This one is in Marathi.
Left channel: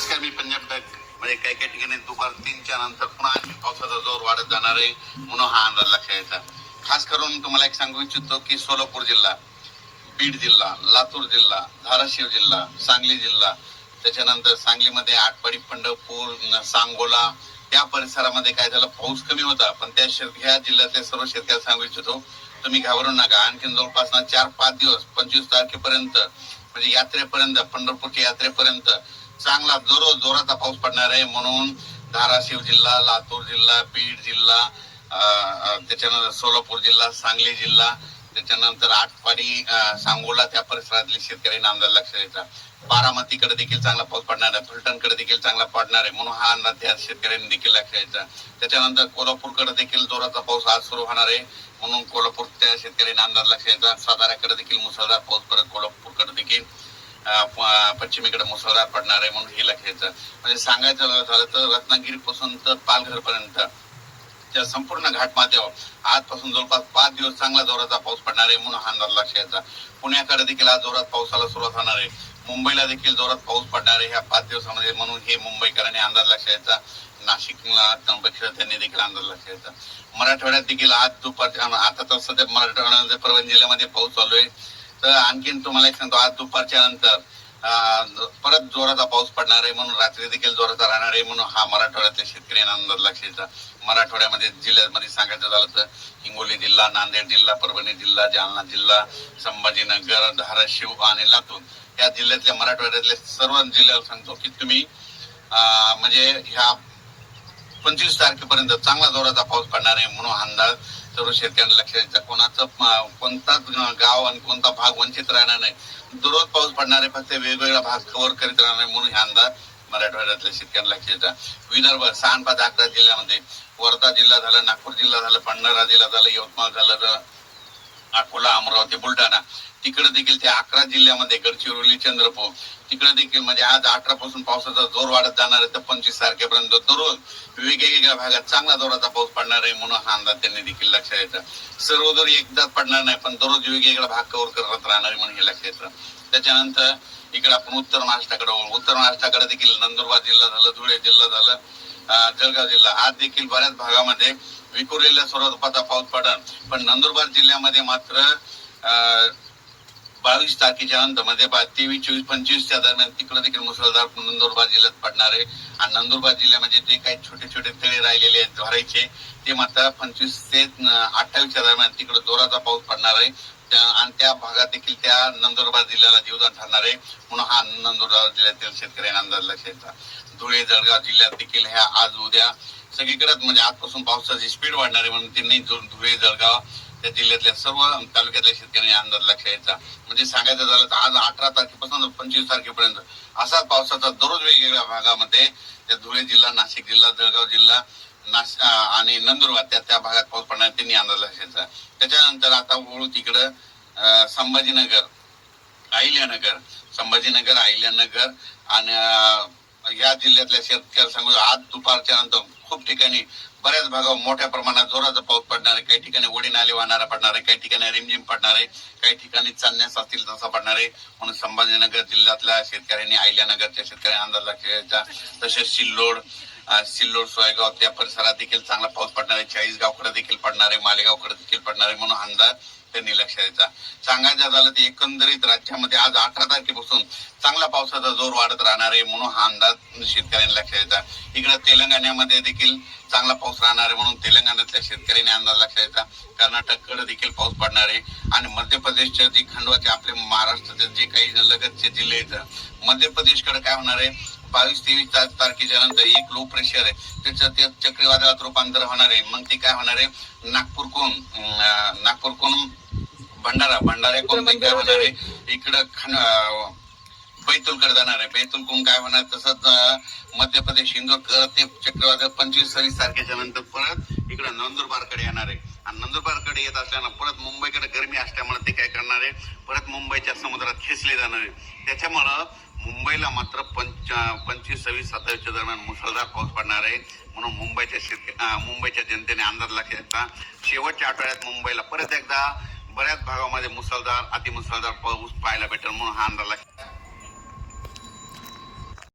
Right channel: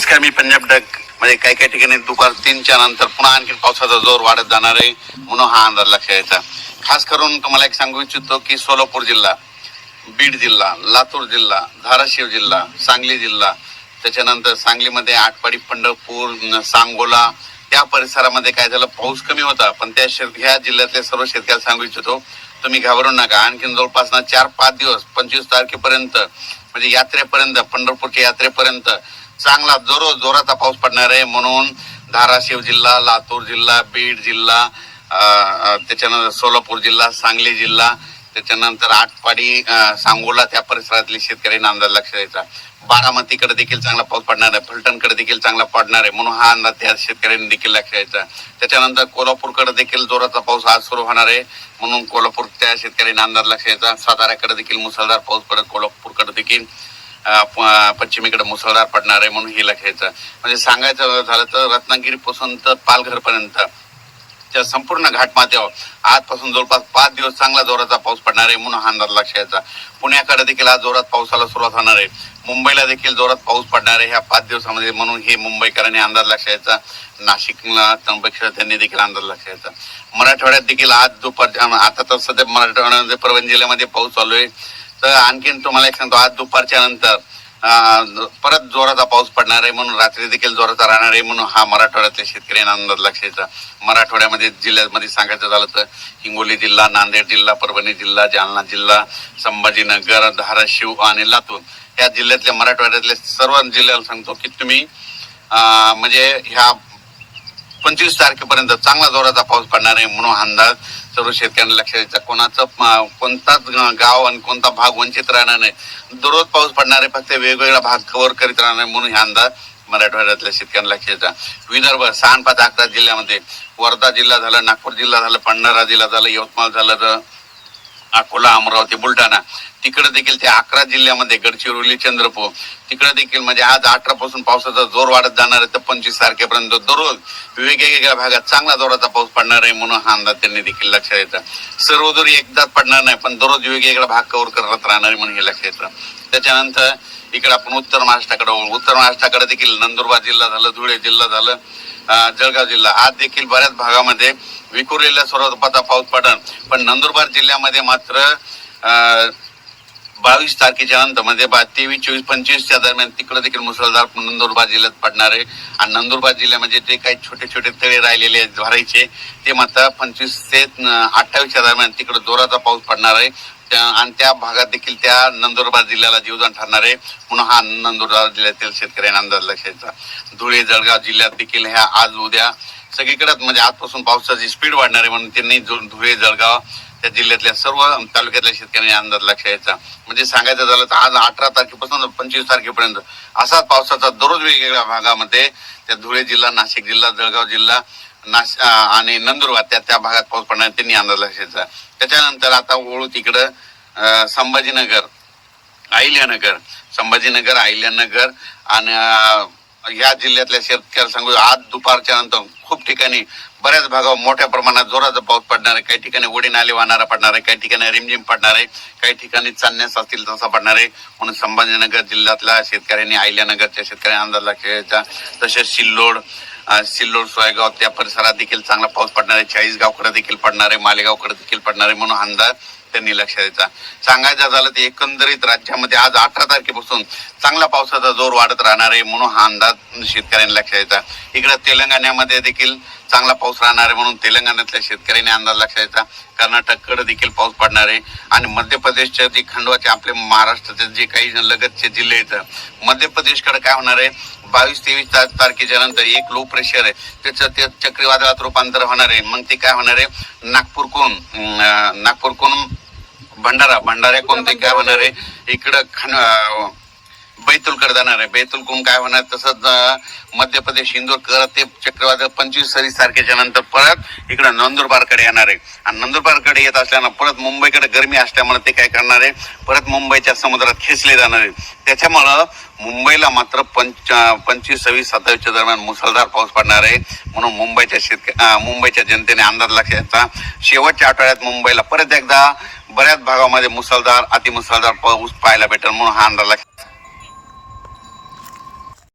नमस्कार, मी पंजाब डक. म्हणजे काही काही ठिकाणी दुपार 3च्या नंतर पुन्हा आणखी पावसाचा जोर वाढत जाणार आहे म्हणून हा अंदाज लक्षात यायचा. खास करून तुम्हाला एक सांगू इच्छितो की सोलापूर जिल्हा, बीड जिल्हा, लातूर जिल्हा, धाराशिव जिल्हा, सांगली जिल्हा, त्याच्यानंतर सांगलीमध्ये आटपाडी, पंढरपूर, सांगोला त्या परिसरामध्ये काय झालं, पाऊस कमी होता. पण ह्या जिल्ह्यातले सर्व शेतकऱ्याला सांगू इच्छितो, तुम्ही घाबरू नका. आणखी जवळपास 4-5 दिवस 25 तारखेपर्यंत म्हणजे यात्रेपर्यंत, पंढरपूरच्या यात्रेपर्यंत चांगला जोराचा पाऊस पडणार आहे. म्हणून धाराशिव जिल्हा, लातूर जिल्हा, बीड जिल्हा, त्याच्यानंतर सोलापूर जिल्हा, सांगली जिल्हा, त्याच्यानंतर आटपाडी, सांगोला त्या परिसरातले शेतकऱ्यांना अंदाज लक्षात द्यायचा. बारामतीकडे देखील चांगला पाऊस पडणार आहे, फलटणकडे देखील चांगला पडणार आहे म्हणून हा अंदाज त्या शेतकऱ्यांनी देखील लक्षात द्यायचा. त्याच्यानंतर कोल्हापूरकडे देखील जोराचा पाऊस आज सुरू होणार आहे म्हणून कोल्हापूर त्या शेतकऱ्यांना अंदाज लक्षात द्यायचा. साताऱ्याकडे देखील मुसळधार पाऊस पडत, कोल्हापूरकडे देखील पश्चिमेकडे मुसळधार पडणार आहे म्हणून हे लक्षात. म्हणजे सांगायचं झालं तर रत्नागिरीपासून तर पालघर पर्यंत त्या संपूर्ण घाटमाथ्यावर आजपासून जवळपास 5 दिवस चांगला जोराचा पाऊस पडणार आहे म्हणून हा अंदाज लक्षात. पुण्याकडे देखील आज जोरात पावसाला सुरुवात होणार आहे. मुंबईला देखील जोरात पाऊस पडणार आहे ह्या 5 दिवसामध्ये म्हणून हे मुंबईकरांनी अंदाज लक्षात. नाशिकला, त्र्यंबकेश्वर त्यांनी देखील अंदाज लक्षात. मराठवाड्यात देखील आज दुपारच्या, आता तर सध्या मराठवाड्यामध्ये परभणी जिल्ह्यामध्ये पाऊस चालू आहे. तर आणखीन तुम्हाला एक सांगतो, आज दुपारच्या नंतर परत जोराचा पाऊस पडणार आहे म्हणून रात्री देखील जोराचा राहणार आहे म्हणून हा मराठवाड्यातल्या शेतकऱ्यांना अंदाज लक्षात. मराठवाड्यामध्ये जिल्ह्यामध्ये सांगायचं झालं तर हिंगोली जिल्हा, नांदेड जिल्हा, परभणी जिल्हा, जालना जिल्हा, संभाजीनगर, धाराशिव आणि लातूर या जिल्ह्यातल्या, मराठवाड्यातल्या सर्व जिल्ह्याला सांगतो की तुम्ही म्हणजे ह्या 25 तारखेपर्यंत चांगला जोराचा पाऊस पडणार आहे म्हणून अंदाज सर्व शेतकऱ्यांना लक्षात द्यायचा. कोणताच गाव आणि कोणता भाग वंचित राहणार नाही. दररोज पाऊस पडणार आहे, फक्त वेगवेगळा भाग कव्हर करीत राहणार म्हणून हा अंदाज मराठवाड्यातल्या शेतकऱ्यांना लक्षात द्यायचा. विदर्भ 6-5-11 जिल्ह्यामध्ये, वर्धा जिल्हा झाला, नागपूर जिल्हा झाला, भंडारा जिल्हा झाला, यवतमाळ झालं, तर अकोला, अमरावती, बुलढाणा तिकडे देखील त्या 11 जिल्ह्यामध्ये, गडचिरोली, चंद्रपूर तिकडे देखील म्हणजे आज 18 पासून पावसाचा जोर वाढत जाणार आहे तर 25 तारखेपर्यंत दररोज वेगवेगळ्या भागात चांगला जोराचा पाऊस पडणार आहे म्हणून हा अंदाज त्यांनी देखील लक्षात येतं. सर्व जोरी एकदाच पडणार नाही पण दररोज वेगवेगळा भाग कव्हर करत राहणार म्हणून हे लक्षात येतं. त्याच्यानंतर इकडे आपण उत्तर महाराष्ट्राकडे वळू. उत्तर महाराष्ट्राकडे देखील नंदुरबार जिल्हा झालं, धुळे जिल्हा झालं, जळगाव जिल्हा आज देखील बऱ्याच भागामध्ये विखुरलेल्या स्वरूपाचा पाऊस पडणार. पण नंदुरबार जिल्ह्यामध्ये मात्र 22 तारखेच्या नंतर म्हणजे 23, 24, 25च्या दरम्यान तिकडे देखील मुसळधार नंदुरबार जिल्ह्यात पडणार आहे. आणि नंदुरबार जिल्ह्यामध्ये जे काही छोटे छोटे तळे राहिलेले आहेत भरायचे ते मात्र 25 ते 28च्या दरम्यान तिकडे जोराचा पाऊस पडणार आहे आणि त्या भागात देखील त्या नंदुरबार जिल्ह्याला जीवदान ठरणार आहे म्हणून हा नंदुरबार जिल्ह्यातील शेतकऱ्यांना अंदाज लक्षात. धुळे, जळगाव जिल्ह्यात देखील ह्या आज उद्या सगळीकडे म्हणजे आजपासून पावसाची स्पीड वाढणार आहे म्हणून त्यांनी धुळे, जळगाव त्या जिल्ह्यातल्या सर्व तालुक्यातल्या शेतकऱ्यांनी अंदाज लक्षात यायचा. म्हणजे सांगायचं झालं तर आज 18 तारखेपासून 25 तारखेपर्यंत असाच पावसाचा दररोज वेगवेगळ्या भागामध्ये त्या धुळे जिल्हा, नाशिक जिल्हा, जळगाव जिल्हा, आणि नंदुरबार त्या भागात पाऊस पडणार त्यांनी अंदाज लक्षात. त्याच्यानंतर आता वळू तिकडं संभाजीनगर, अहिल्यानगर आणि या जिल्ह्यातल्या शेतकऱ्याला सांगू, आज दुपारच्या नंतर खूप ठिकाणी बऱ्याच भागावर मोठ्या प्रमाणात जोराचा पाऊस पडणार आहे. काही ठिकाणी ओढी नाले वाहणारा पडणार आहे, काही ठिकाणी रिमझिम पडणार आहे, काही ठिकाणी चांदण्यास असतील तसा पडणार आहे म्हणून संभाजीनगर जिल्ह्यातल्या शेतकऱ्यांनी, अहिल्यानगरच्या शेतकऱ्यांनी अंदाज लक्षात द्यायचा. तसेच सिल्लोड, सोयगाव त्या परिसरात देखील चांगला पाऊस पडणार आहे. चाळीसगावकडे देखील पडणार आहे, मालेगावकडे देखील पडणार आहे म्हणून अंदाज त्यांनी लक्षात द्यायचा. सांगायचं झालं तर एकंदरीत राज्यामध्ये आज 18 तारखेपासून चांगला पावसाचा जोर वाढत राहणार आहे म्हणून हा अंदाज शेतकऱ्यांनी लक्षात द्यायचा. इकडे तेलंगणामध्ये देखील चांगला पाऊस राहणार आहे म्हणून तेलंगणातल्या शेतकऱ्यांनी अंदाज लक्षात द्यायचा. कर्नाटककडे देखील पाऊस पडणार आहे आणि मध्य प्रदेशच्या जे खंडवाचे आपले महाराष्ट्राचे जे काही लगतचे जिल्हे आहेत, मध्य प्रदेशकडे काय होणार आहे, 22-23 तारखेच्या नंतर एक लो प्रेशर आहे त्याचं ते चक्रीवादळात रूपांतर होणार आहे. मग ते काय होणार आहे, नागपूरकडून भंडाऱ्याकडून ते काय होणार आहे, इकडं बैतूलकडे जाणार आहे. बैतूलकडून काय होणार, तसंच मध्य प्रदेश इंदोर करत ते चक्रीवादळ 25-26 तारखेच्या नंतर परत इकडं नंदुरबारकडे येणार आहे. आणि नंदुरबारकडे येत असल्यानं परत मुंबईकडे गरमी असल्यामुळे ते काय करणार आहे, परत मुंबईच्या समुद्रात खेचले जाणार आहे. त्याच्यामुळं मुंबईला मात्र 25, 26, 27च्या दरम्यान मुसळधार पाऊस पडणार आहे म्हणून मुंबईच्या जनतेने अंदाज लक्षात. शेवटच्या आठवड्यात मुंबईला परत एकदा बऱ्याच भागामध्ये मुसळधार, अतिमुसळधार पाऊस पाहायला भेटेल म्हणून हा अंदाज लक्षात.